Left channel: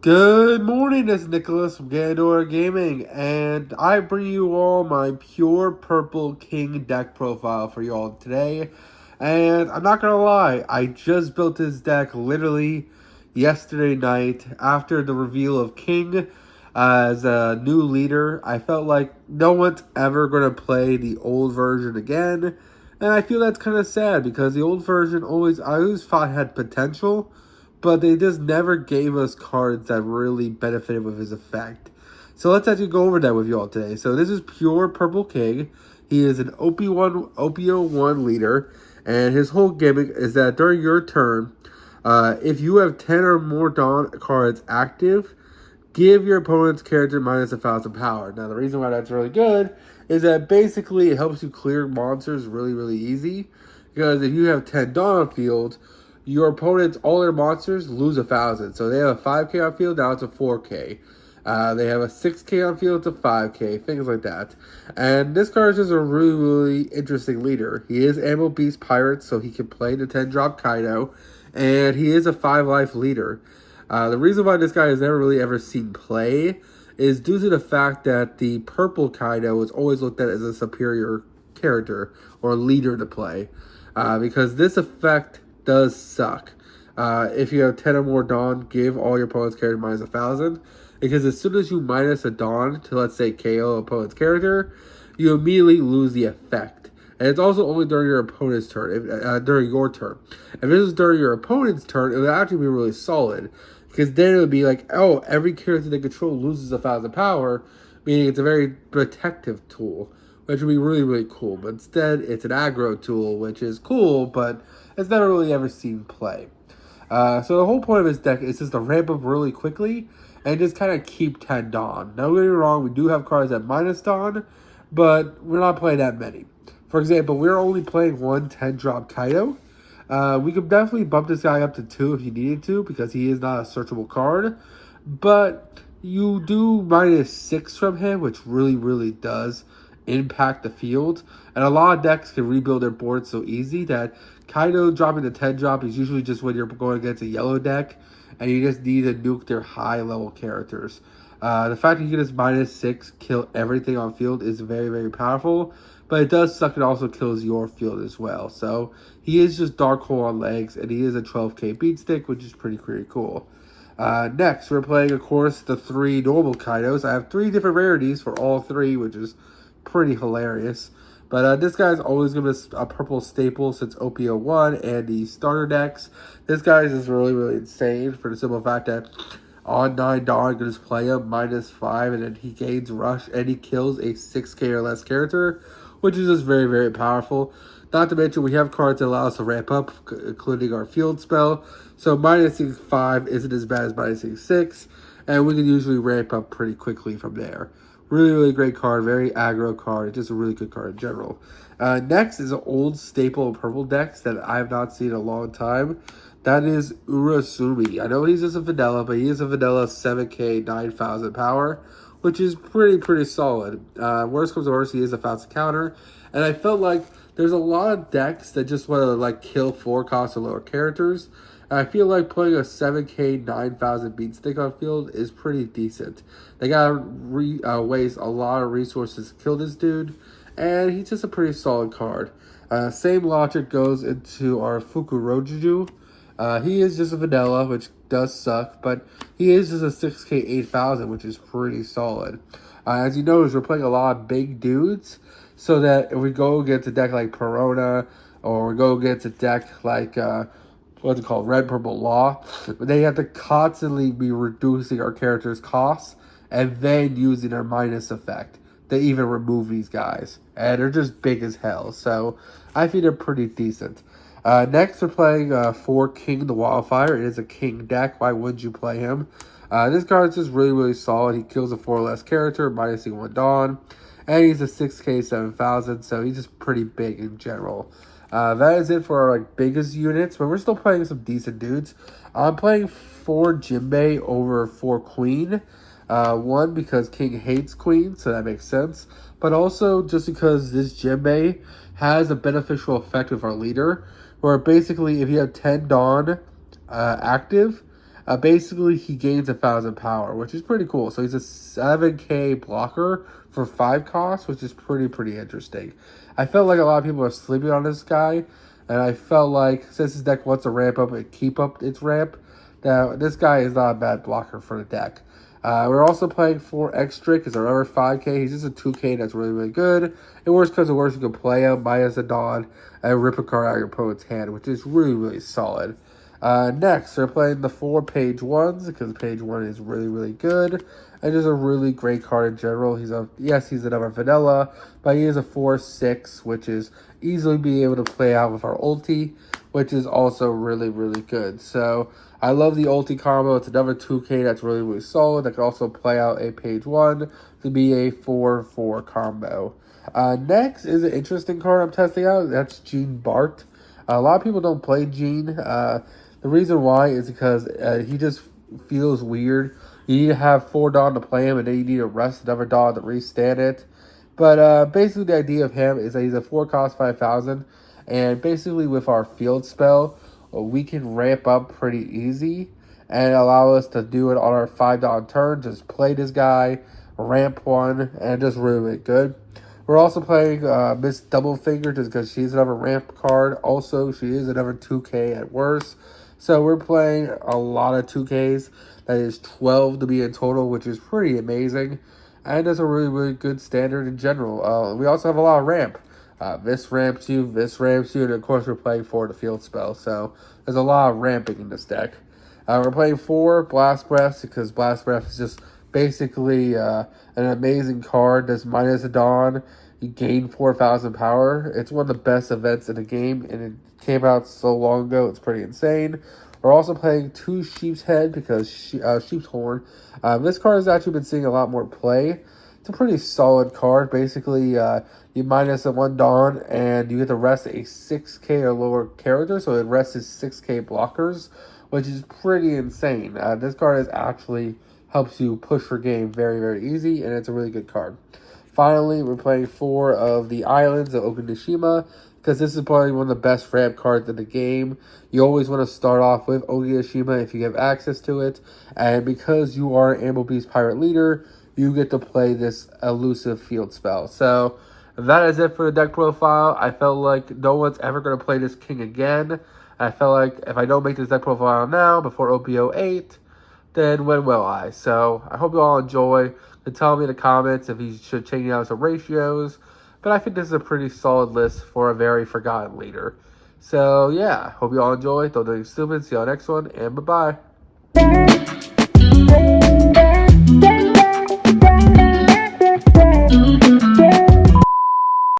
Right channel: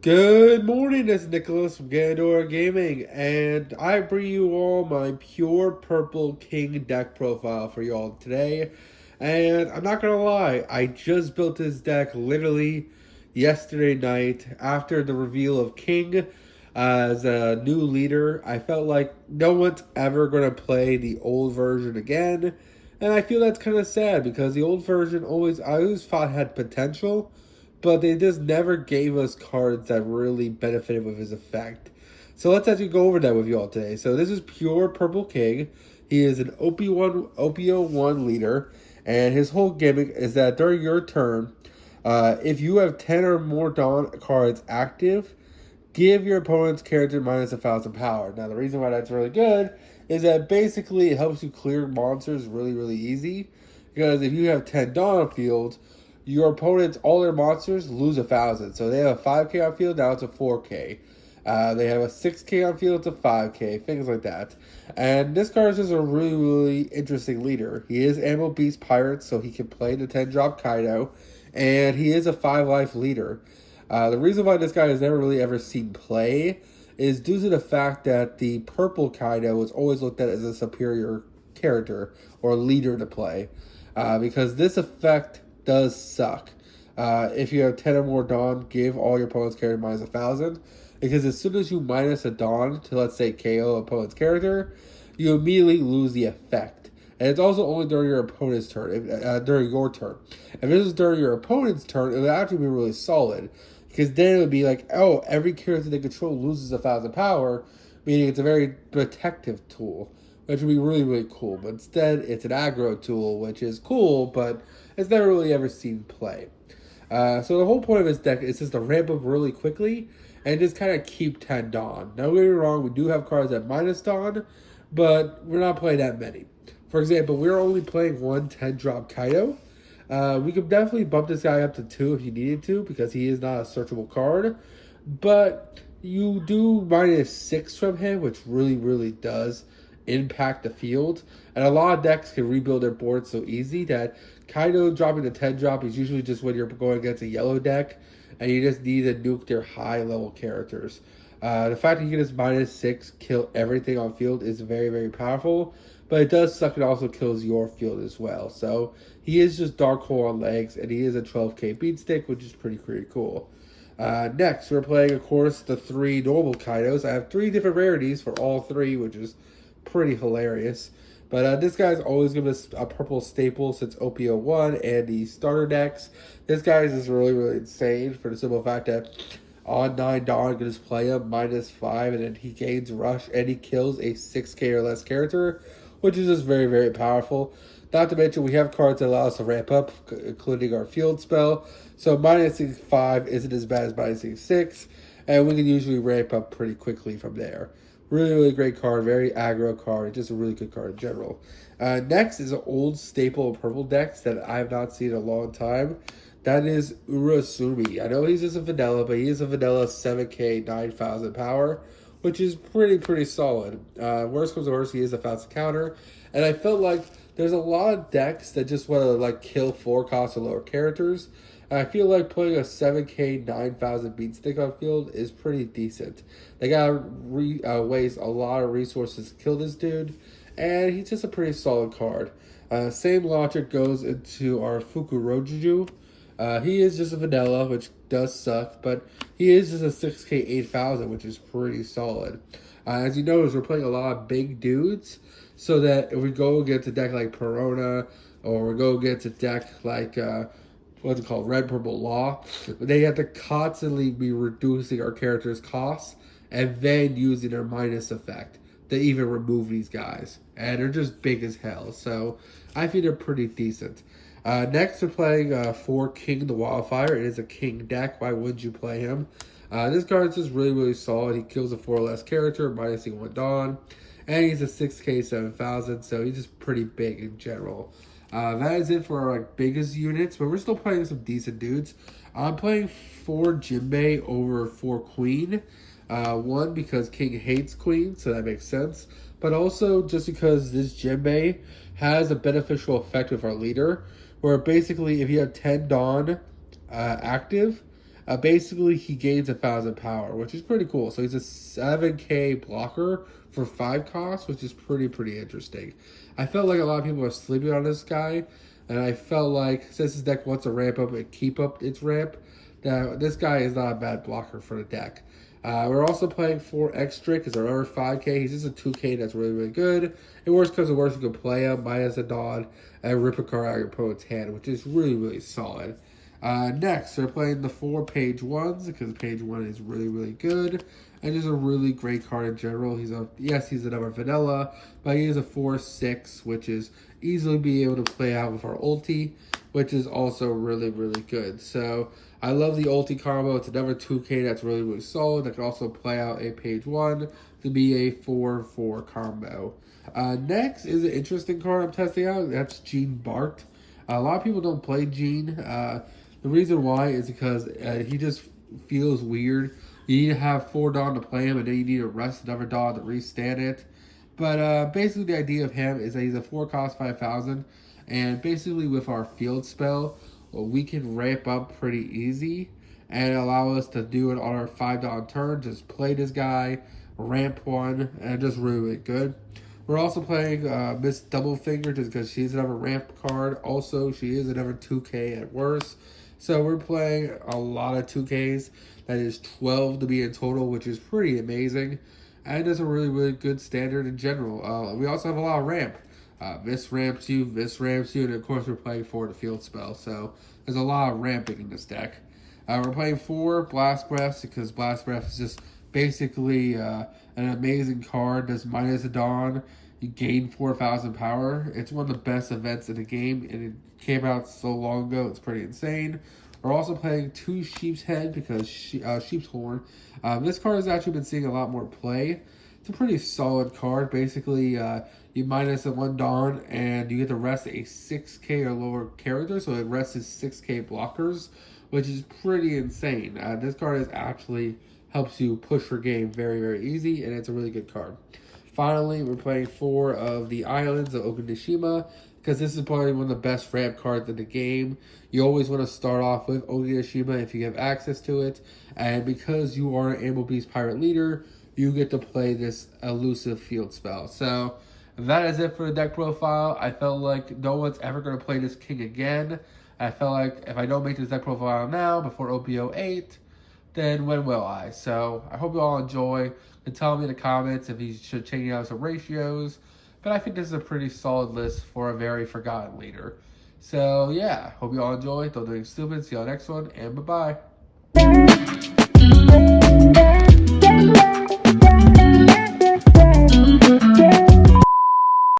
Good morning, it's Nicholas from Gandora Gaming, and I bring you all my pure purple king deck profile for y'all today. And I'm not gonna lie, I just built this deck literally yesterday night after the reveal of King as a new leader. I felt like no one's ever gonna play the old version again, and I feel that's kind of sad because the old version I always thought had potential, but they just never gave us cards that really benefited with his effect. So let's actually go over that with you all today. So this is pure Purple King. He is an OP01 leader, and his whole gimmick is that during your turn, if you have 10 or more Dawn cards active, give your opponent's character minus 1,000 power. Now the reason why that's really good is that basically it helps you clear monsters really easy. Because if you have 10 Dawn on field, your opponents, all their monsters, lose 1,000. So they have a 5k on field, now it's a 4k. They have a 6k on field, it's a 5k, things like that. And this card is just a really interesting leader. He is Ammo Beast Pirate, so he can play the 10-drop Kaido. And he is a 5-life leader. The reason why this guy has never really ever seen play is due to the fact that the purple Kaido is always looked at as a superior character or leader to play. Because this effect does suck. If you have 10 or more Dawn, give all your opponent's character minus 1,000. Because as soon as you minus a Dawn to, let's say, KO opponent's character, you immediately lose the effect. And it's also only during your opponent's turn, during your turn. If this is during your opponent's turn, it would actually be really solid. Because then it would be like, oh, every character they control loses 1,000 power, meaning it's a very protective tool, which would be really cool. But instead, it's an aggro tool, which is cool, but it's never really ever seen play. So the whole point of this deck is just to ramp up really quickly and just kind of keep 10 Dawn. Now, don't get me wrong, we do have cards at minus Dawn, but we're not playing that many. For example, we're only playing one 10-drop Kaido. We could definitely bump this guy up to 2 if you needed to, because he is not a searchable card. But you do minus 6 from him, which really does impact the field. And a lot of decks can rebuild their board so easy that Kaido dropping the 10-drop is usually just when you're going against a yellow deck and you just need to nuke their high-level characters. The fact that you can just minus 6 kill everything on field is very powerful, but it does suck. It also kills your field as well. So he is just Dark Hole on legs, and he is a 12k beatstick, which is pretty cool. Next, we're playing, of course, the 3 normal Kaidos. I have 3 different rarities for all 3, which is pretty hilarious. But this guy's always given us a purple staple since OP01 and the starter decks. This guy is just really insane for the simple fact that on 9 Dawn, you can just play him minus 5, and then he gains rush, and he kills a 6k or less character, which is just very powerful. Not to mention, we have cards that allow us to ramp up, including our field spell. So minusing 5 isn't as bad as minusing 6, and we can usually ramp up pretty quickly from there. Really great card, very aggro card, just a really good card in general. Next is an old staple of purple decks that I have not seen in a long time. That is Urasumi. I know he's just a vanilla, but he is a vanilla 7k, 9,000 power, which is pretty solid. Worst comes to worst, he is a fast counter. And I felt like there's a lot of decks that just want to like kill 4 cost or lower characters. And I feel like putting a 7k, 9,000 beat stick on field is pretty decent. They gotta waste a lot of resources to kill this dude, and he's just a pretty solid card. Same logic goes into our Fukurojuju. He is just a vanilla, which does suck, but he is just a 6k 8,000, which is pretty solid. As you notice, we're playing a lot of big dudes, so that if we go against a deck like Perona, or we go against a deck like, what's it called, Red Purple Law, they have to constantly be reducing our character's costs, and then using our minus effect to even remove these guys. And they're just big as hell, so I think they're pretty decent. Next, we're playing for King the Wildfire. It is a King deck. Why wouldn't you play him? This card is just really solid. He kills a 4 or less character, minusing 1 Dawn. And he's a 6k 7,000, so he's just pretty big in general. That is it for our biggest units, but we're still playing some decent dudes. I'm playing 4 Jinbei over 4 Queen. 1, because King hates Queen, so that makes sense. But also just because this Jinbei has a beneficial effect with our leader, where basically if you have 10 Dawn active, Basically, he gains 1,000 power, which is pretty cool. So he's a 7k blocker for 5 costs, which is pretty interesting. I felt like a lot of people are sleeping on this guy, and I felt like since this deck wants to ramp up and keep up its ramp, that this guy is not a bad blocker for the deck. We're also playing 4 extra because they're over 5k. He's just a 2k that's really good. And worst comes to worst, you can play him minus a Dawn and rip a card out of your opponent's hand, which is really solid. Next, they're playing the 4 page 1s because page 1 is really good. And just a really great card in general. He's another vanilla, but he is a 4/6, which is easily be able to play out with our ulti, which is also really good. So I love the ulti combo. It's another 2k that's really solid. That can also play out a page 1 to be a 4/4 combo. Next is an interesting card I'm testing out. That's Gene Bart. A lot of people don't play Gene. The reason why is because he just feels weird. You need to have 4 Dawn to play him, and then you need to rest another Dawn to restand it. But basically the idea of him is that he's a 4 cost 5,000, and basically with our field spell, we can ramp up pretty easy and allow us to do it on our 5 Dawn turn. Just play this guy, ramp 1, and just really good. We're also playing Miss Doublefinger just because she's another ramp card. Also, she is another 2k at worst. So we're playing a lot of 2ks. That is 12 to be in total, which is pretty amazing. And it's a really good standard in general. We also have a lot of ramp. This ramps you, and of course we're playing 4 the field spell. So there's a lot of ramping in this deck. We're playing 4 Blast Breaths because Blast Breath is just basically an amazing card. That's minus a Dawn. You gain 4,000 power. It's one of the best events in the game, and it came out so long ago. It's pretty insane. We're also playing 2 Sheep's Head because Sheep's Horn. This card has actually been seeing a lot more play. It's a pretty solid card. Basically, you minus a 1 Dawn, and you get to rest a 6k or lower character, so it rests 6k blockers, which is pretty insane. This card is actually helps you push your game very easy, and it's a really good card. Finally, we're playing 4 of the Islands of Okinoshima, because this is probably one of the best ramp cards in the game. You always want to start off with Okinoshima if you have access to it, and because you are an Ammo Beast Pirate Leader, you get to play this elusive field spell. So that is it for the deck profile. I felt like no one's ever going to play this king again. I felt like if I don't make this deck profile now before OP08, then when will I? So I hope you all enjoy. And tell me in the comments if you should change out some ratios. But I think this is a pretty solid list for a very forgotten leader. So yeah, hope you all enjoy. Don't do anything stupid. See you on the next one, and bye-bye.